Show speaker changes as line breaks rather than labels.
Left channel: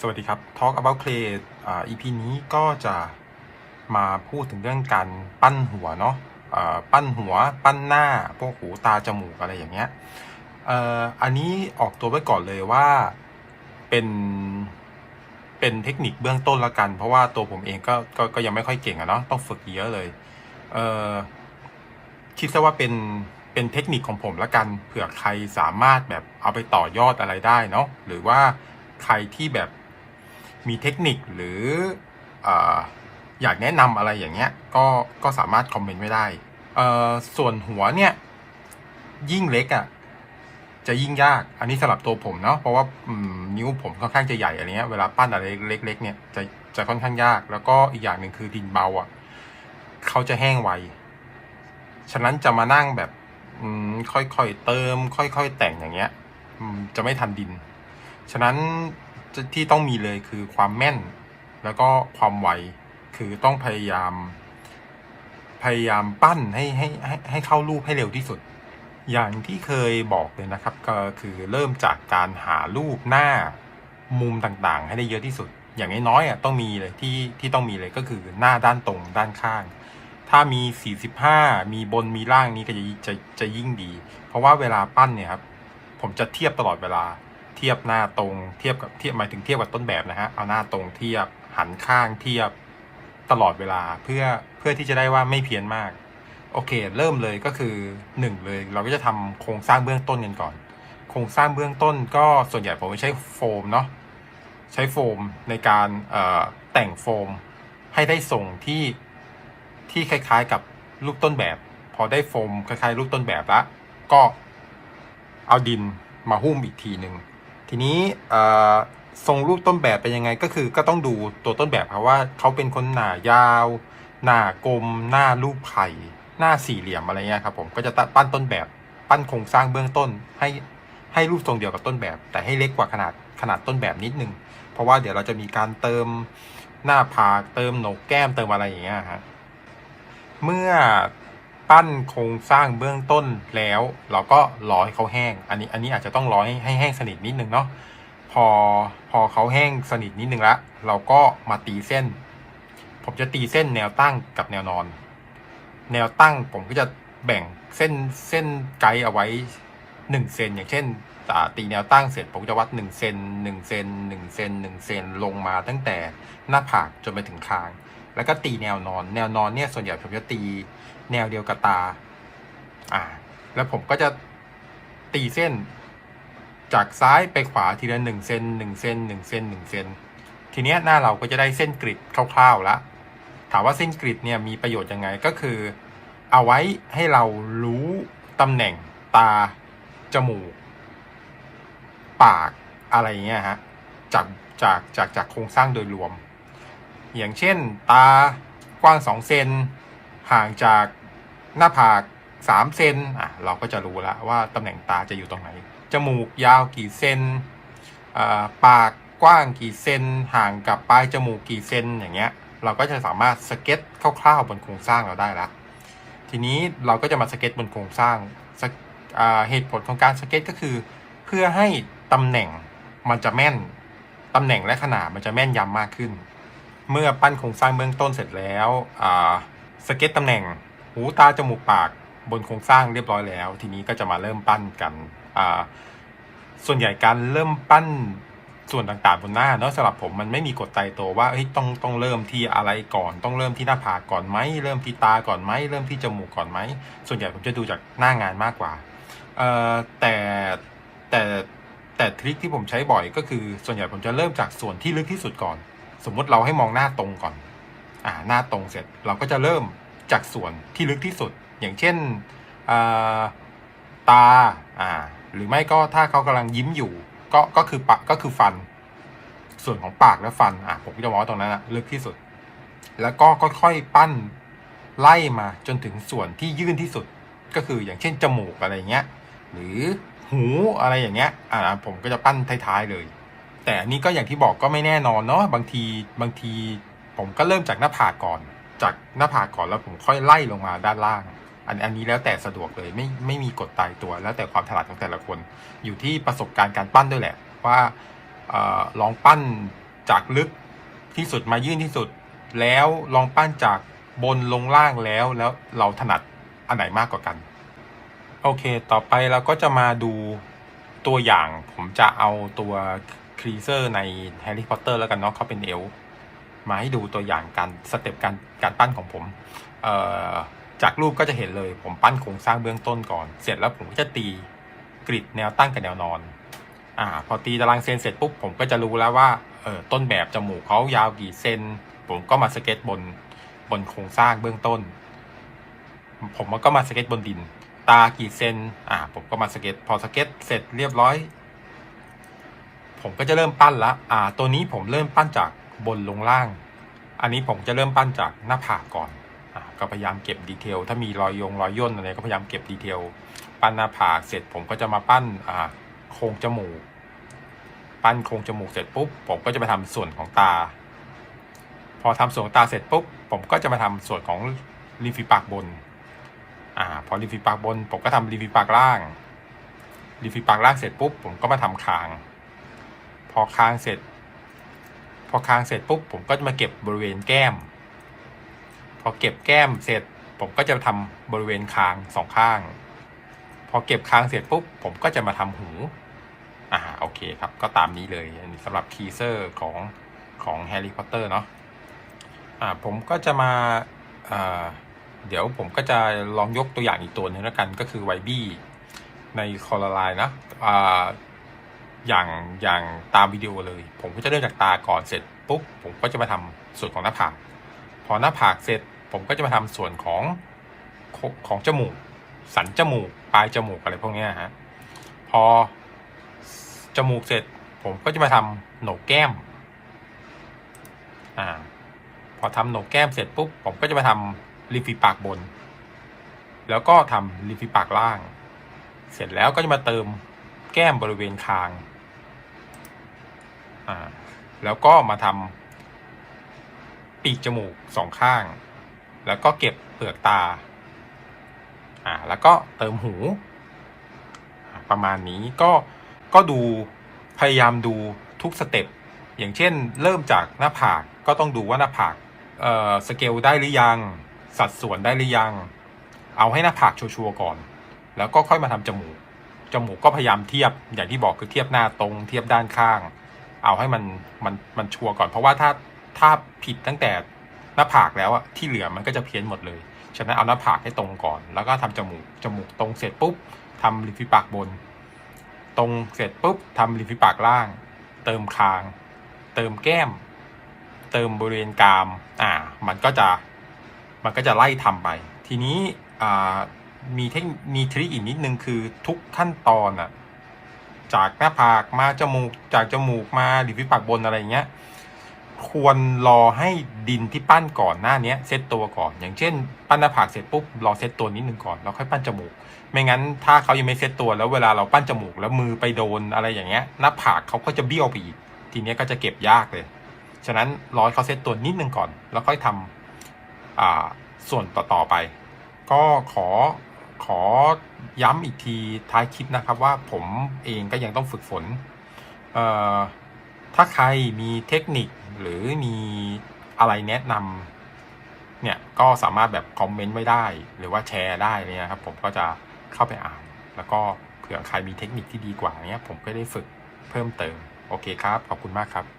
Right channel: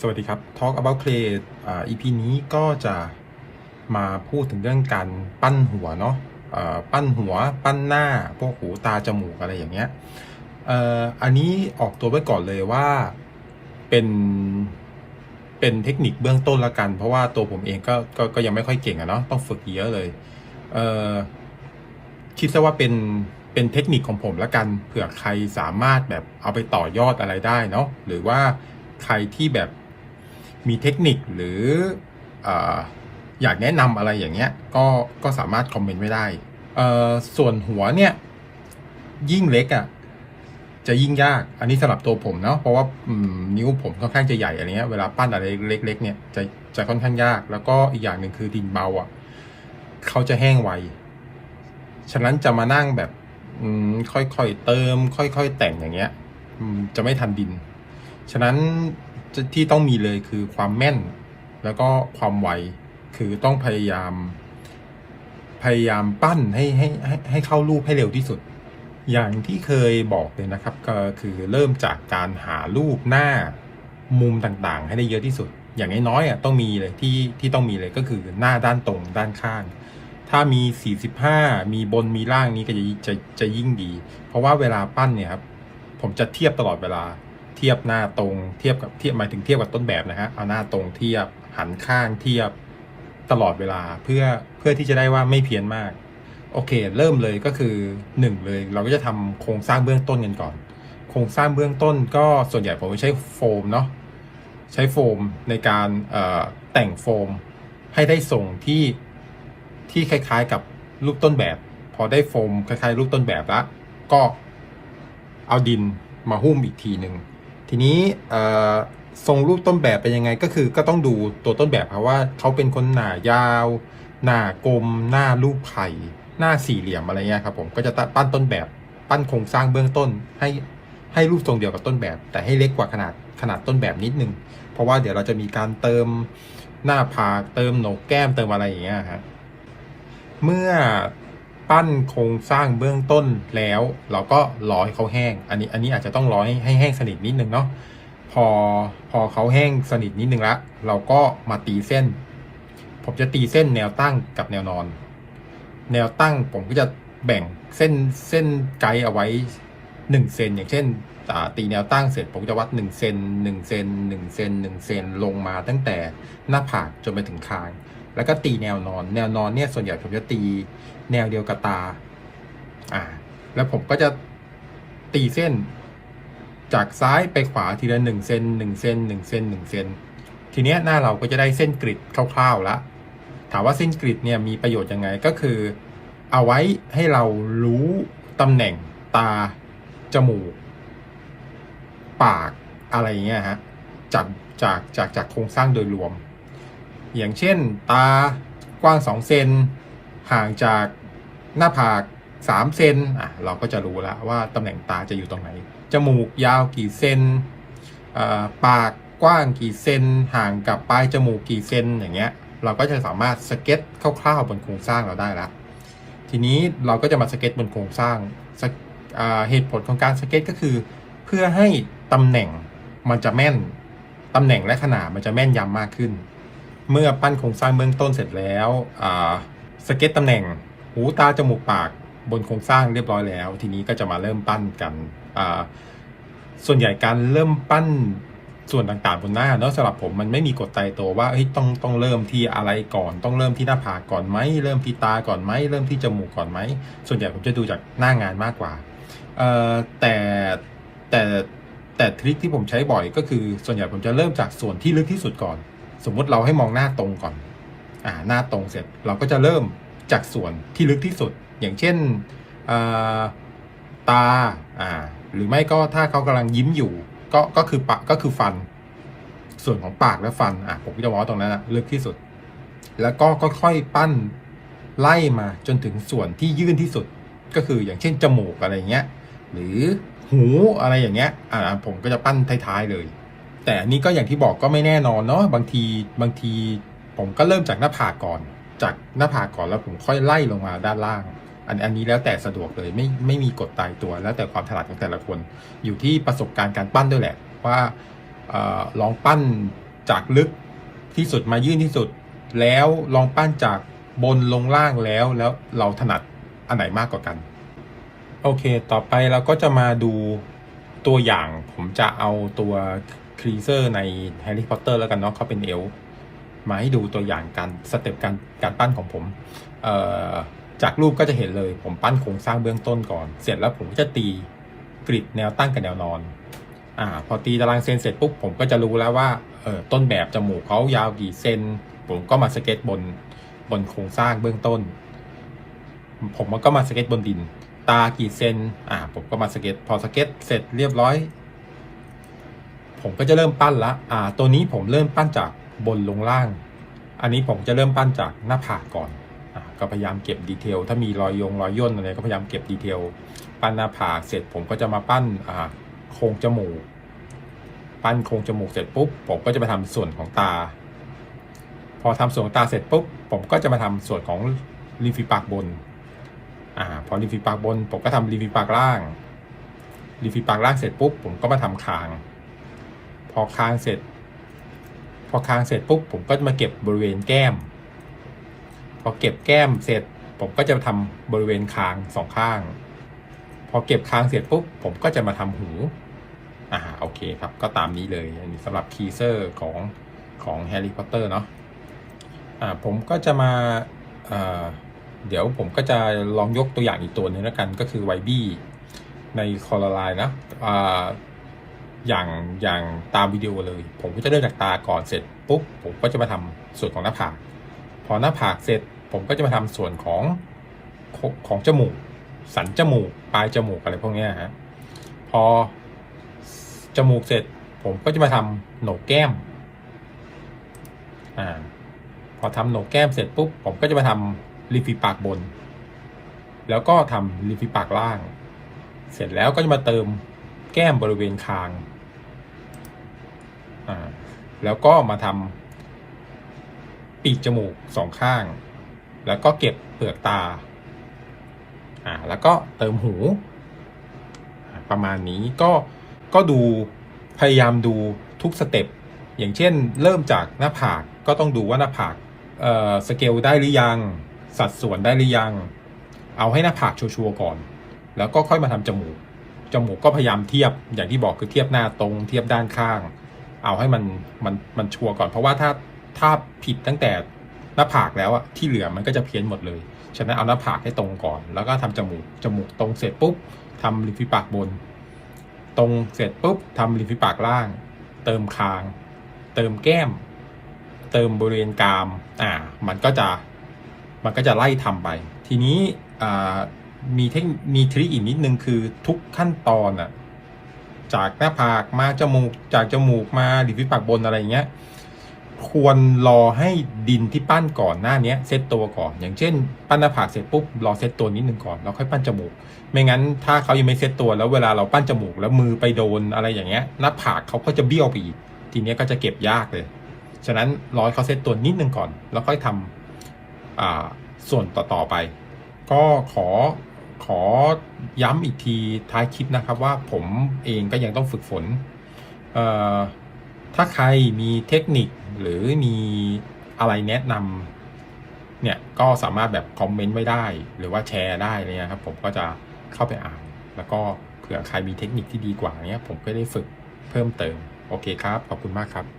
สวัสดีครับ Talk about clay อ่า EP นี้ก็จะมาพูดถึงเรื่องการปั้นหัวเนาะอ่าปั้นหัว ปั้นหน้า พวกหูตาจมูกอะไรอย่างเงี้ยเอ่ออันนี้ออกตัวไว้ก่อนเลยว่าเป็นเป็นเทคนิคเบื้องต้นละกัน เพราะว่าตัวผมเองก็ก็ก็ยังไม่ค่อยเก่งอะเนาะต้องฝึกเยอะเลยเอ่อคิดซะว่าเป็นเป็นเทคนิคของผมละกันเผื่อใครสามารถแบบเอาไปต่อยอดอะไรได้เนาะหรือว่า ใครที่แบบมีเทคนิคหรือออยากแนะนำอะไรอย่างเงี้ยก็ก็สามารถคอมเมนต์ไว้ได้ ส่วนหัวเนี่ย ยิ่งเล็กอะ่ะจะยิ่งยาก อันนี้สำหรับตัวผมเนาะ เพราะว่านิ้วผมค่อนข้างจะใหญ่อะไรเงี้ย เวลาปั้นอะไรเล็ก ๆ เนี่ยจะจะค่อนข้างยาก แล้วก็อีกอย่างหนึ่งคือดินเบาอะ่ะเขาจะแห้งไว ฉะนั้นจะมานั่งแบบค่อยๆเติม ค่อย ๆ แต่งอย่างเงี้ยจะไม่ทันดิน ฉะนั้นที่ต้องมีเลยคือความแม่น แล้วก็ความไวคือต้องพยายาม พยายามปั้นให้ให้ให้ให้เข้ารูปให้เร็วที่สุด อย่างที่เคยบอกเลยนะครับ ก็คือเริ่มจากการหารูปหน้ามุมต่างๆ ให้ได้เยอะที่สุด อย่างน้อยๆอะต้องมีเลยที่ที่ต้องมีเลยก็คือหน้าด้านตรงด้านข้าง ถ้ามี 45 มีบนมีล่างนี้ก็จะจะจะยิ่งดี เพราะว่าเวลาปั้นเนี่ยครับผมจะเทียบตลอดเวลา เทียบหน้าตรงเทียบกับเทียบหมายถึงเทียบกับต้นแบบนะฮะเอาหน้าตรงเทียบหันข้างเทียบตลอดเวลาเพื่อเพื่อที่จะได้ว่าไม่เพี้ยนมาก โอเค เริ่มเลยก็คือหนึ่งเลย เราก็จะทำโครงสร้างเบื้องต้นกันก่อน โครงสร้างเบื้องต้นก็ส่วนใหญ่ผมใช้โฟมเนาะใช้โฟมในการเอ่อแต่งโฟมให้ได้ทรงที่ที่คล้ายๆกับรูปต้นแบบ พอได้โฟมคล้ายๆรูปต้นแบบละก็เอาดินมาหุ้มอีกทีหนึ่ง ทีนี้ทรงรูปต้นแบบเป็นยังไงก็คือก็ต้องดูตัวต้นแบบครับว่าเขาเป็นคนหนายาว หน้ากลม หน้ารูปไข่ หน้าสี่เหลี่ยมอะไรเงี้ยครับผมก็จะปั้นต้นแบบปั้นโครงสร้างเบื้องต้นให้ให้รูปทรงเดียวกับต้นแบบ แต่ให้เล็กกว่าขนาดขนาดต้นแบบนิดนึง เพราะว่าเดี๋ยวเราจะมีการเติมหน้าผากเติมโหนกแก้มเติมอะไรอย่างเงี้ยฮะเมื่อ ปั้นโครงสร้างเบื้องต้นแล้ว เราก็รอให้เขาแห้ง อันนี้อันนี้อาจจะต้องรอให้ให้แห้งสนิทนิดนึงเนาะพอพอเขาแห้งสนิทนิดนึงละเราก็มาตีเส้น ผมจะตีเส้นแนวตั้งกับแนวนอน แนวตั้งผมก็จะแบ่งเส้นเส้นไกด์เอาไว้หนึ่งเซนอย่างเช่นตีแนวตั้งเสร็จผมจะวัดหนึ่งเซนหนึ่งเซนหนึ่งเซนหนึ่งเซนลงมาตั้งแต่หน้าผากจนไปถึงคาง แล้วก็ตีแนวนอน แนวนอนเนี่ยส่วนใหญ่ผมจะตีแนวเดียวกับตา อ่า แล้วผมก็จะตีเส้นจากซ้ายไปขวาทีละหนึ่งเซนหนึ่งเซนหนึ่งเซนหนึ่งเซนทีเนี้ยหน้าเราก็จะได้เส้นกริดคร่าวๆแล้วถามว่าเส้นกริดเนี่ยมีประโยชน์ยังไงก็คือ เอาไว้ให้เรารู้ตำแหน่งตา จมูก ปากอะไรเงี้ยฮะจากจากจากจากโครงสร้างโดยรวม อย่างเช่น ตากว้าง 2 เซนห่างจากหน้าผาก 3 เซนอะเราก็จะรู้แล้วว่าตำแหน่งตาจะอยู่ตรงไหน จมูกยาวกี่เซนปากกว้างกี่เซนห่างกับปลายจมูกกี่เซนอย่างเงี้ยเราก็จะสามารถสเก็ตคร่าวๆบนโครงสร้างเราได้ละทีนี้เราก็จะมาสเก็ตบนโครงสร้างเหตุผลของการสเก็ตก็คือ เพื่อให้ตำแหน่งมันจะแม่นตำแหน่งและขนาดมันจะแม่นยำมากขึ้น เมื่อปั้นโครงสร้างเบื้องต้นเสร็จแล้วสเก็ตตำแหน่งหูตาจมูกปากบนโครงสร้างเรียบร้อยแล้ว ทีนี้ก็จะมาเริ่มปั้นกัน ส่วนใหญ่การเริ่มปั้นส่วนต่างๆบนหน้าเนาะสำหรับผมมันไม่มีกฎตายตัวว่าต้องต้องเริ่มที่อะไรก่อน ต้องเริ่มที่หน้าผากก่อนไหมเริ่มที่ตาก่อนไหมเริ่มที่จมูกก่อนไหมส่วนใหญ่ผมจะดูจากหน้างานมากกว่าแต่แต่แต่ทริคที่ผมใช้บ่อยก็คือส่วนใหญ่ผมจะเริ่มจากส่วนที่ลึกที่สุดก่อน สมมติเราให้มองหน้าตรงก่อน อ่า หน้าตรงเสร็จเราก็จะเริ่มจากส่วนที่ลึกที่สุด อย่างเช่นอ่าตา อ่า หรือไม่ก็ถ้าเขากำลังยิ้มอยู่ ก็ ก็คือปากก็คือฟัน ส่วนของปากและฟัน อะ ผมจะมองตรงนั้นอะลึกที่สุด แล้วก็ค่อยๆปั้นไล่มาจนถึงส่วนที่ยื่นที่สุด ก็คืออย่างเช่นจมูกอะไรเงี้ย หรือหูอะไรอย่างเงี้ย อ่า ผมก็จะปั้นท้ายๆเลย แต่อันนี้ก็อย่างที่บอกก็ไม่แน่นอนเนาะบางทีบางทีผมก็เริ่มจากหน้าผากก่อน จากหน้าผากก่อนแล้วผมค่อยไล่ลงมาด้านล่าง อันอันนี้แล้วแต่สะดวกเลยไม่ไม่มีกฎตายตัว แล้วแต่ความถนัดของแต่ละคน อยู่ที่ประสบการณ์การปั้นด้วยแหละ ว่าออลองปั้นจากลึกที่สุดมายื่นที่สุด แล้วลองปั้นจากบนลงล่างแล้วแล้วเราถนัดอันไหนมากกว่ากัน โอเค ต่อไปเราก็จะมาดูตัวอย่างผมจะเอาตัว ครีเซอร์ในแฮร์รี่พอตเตอร์แล้วกันเนาะเขาเป็นเอลมาให้ดูตัวอย่างการสเต็ปการการปั้นของผมจากรูปก็จะเห็นเลยผมปั้นโครงสร้างเบื้องต้นก่อน เสร็จแล้วผมก็จะตีกริดแนวตั้งกับแนวนอนอ่าพอตีตารางเซนเสร็จปุ๊บผมก็จะรู้แล้วว่าเออต้นแบบจมูกเขายาวกี่เซนผมก็มาสเก็ตบนบนโครงสร้างเบื้องต้น ผมก็มาสเก็ตบนดิน ตากี่เซนอ่าผมก็มาสเก็ตพอสเก็ตเสร็จเรียบร้อย ผมก็จะเริ่มปั้นละอ่า ตัวนี้ผมเริ่มปั้นจากบนลงล่าง อันนี้ผมจะเริ่มปั้นจากหน้าผากก่อนอ่าก็พยายามเก็บดีเทล ถ้ามีรอยยงรอยย่นอะไรก็พยายามเก็บดีเทล ปั้นหน้าผากเสร็จผมก็จะมาปั้นอ่าโครงจมูก ปั้นโครงจมูกเสร็จปุ๊บ ผมก็จะไปทำส่วนของตา พอทำส่วนของตาเสร็จปุ๊บ ผมก็จะมาทำส่วนของริมฝีปากบน อ่า พอริมฝีปากบน ผมก็ทำริมฝีปากล่างริมฝีปากล่างเสร็จปุ๊บ ผมก็มาทำคาง อคางเสร็จ พอคางเสร็จปุ๊บผมก็จะมาเก็บบริเวณแก้ม พอเก็บแก้มเสร็จ ผมก็จะทำบริเวณคางสองข้าง พอเก็บคางเสร็จปุ๊บผมก็จะมาทำหูอ่าโอเคครับ ก็ตามนี้เลยอันนี้สำหรับทีเซอร์ของของแฮร์รี่พอตเตอร์เนาะอ่าผมก็จะมาอ่าเดี๋ยวผมก็จะลองยกตัวอย่างอีกตัวหนึงแล้วกันก็คือไวบี้ในคอร์ไลน์นะอ่า อย่างอย่างตามวิดีโอเลย ผมก็จะเริ่มจากตาก่อนเสร็จปุ๊บผมก็จะมาทำส่วนของหน้าผาก พอหน้าผากเสร็จผมก็จะมาทำส่วนของของจมูก สันจมูก ปลายจมูกอะไรพวกนี้ฮะ พอจมูกเสร็จ ผมก็จะมาทำโหนกแก้ม อ่า พอทำโหนกแก้มเสร็จปุ๊บผมก็จะมาทำริมฝีปากบน แล้วก็ทำริมฝีปากล่าง เสร็จแล้วก็จะมาเติมแก้มบริเวณคาง อ่าแล้วก็มาทำปีกจมูกสองข้าง แล้วก็เก็บเปลือกตาอ่าแล้วก็เติมหู ประมาณนี้ก็ก็ดูพยายามดูทุกสเต็ปอย่างเช่น เริ่มจากหน้าผากก็ต้องดูว่าหน้าผากเอ่อสเกลได้หรือยัง สัดส่วนได้หรือยัง เอาให้หน้าผากชัวร์ก่อน แล้วก็ค่อยมาทำจมูก จมูกก็พยายามเทียบอย่างที่บอกคือเทียบหน้าตรง เทียบด้านข้าง เอาให้มันมันมันชัวร์ก่อน เพราะว่าถ้าถ้าผิดตั้งแต่หน้าผากแล้วอะที่เหลือมันก็จะเพี้ยนหมดเลยฉะนั้นเอาหน้าผากให้ตรงก่อน แล้วก็ทำจมูกจมูกตรงเสร็จปุ๊บทำริมฝีปากบน ตรงเสร็จปุ๊บทำริมฝีปากล่าง เติมคาง เติมแก้ม เติมบริเวณกราม อ่า มันก็จะมันก็จะไล่ทำไป ทีนี้อ่ามีเทคมีทริคอีกนิดนึงคือทุกขั้นตอนอะ จากหน้าผากมาจมูกจากจมูกมาริมฝีปากบนอะไรเงี้ยควรรอให้ดินที่ปั้นก่อนหน้าเนี้ยเซตตัวก่อน อย่างเช่น ปั้นหน้าผากเสร็จปุ๊บรอเซตตัวนิดนึงก่อนแล้วค่อยปั้นจมูก ไม่งั้นถ้าเขายังไม่เซตตัวแล้วเวลาเราปั้นจมูกแล้วมือไปโดนอะไรอย่างเงี้ยหน้าผากเขาก็จะเบี้ยวไปอีก ทีเนี้ยก็จะเก็บยากเลย ฉะนั้นรอเขาเซตตัวนิดนึงก่อน แล้วค่อยทำอ่าส่วนต่อๆไป ก็ขอ ขอย้ำอีกทีท้ายคลิปนะครับว่าผมเองก็ยังต้องฝึกฝนเอ่อถ้าใครมีเทคนิคหรือมีอะไรแนะนำเนี่ยก็สามารถแบบคอมเมนต์ไว้ได้ หรือว่าแชร์ได้เลยนะครับ ผมก็จะเข้าไปอ่าน แล้วก็เผื่อใครมีเทคนิคที่ดีกว่าเนี้ยผมก็ได้ฝึกเพิ่มเติม โอเคครับ ขอบคุณมากครับ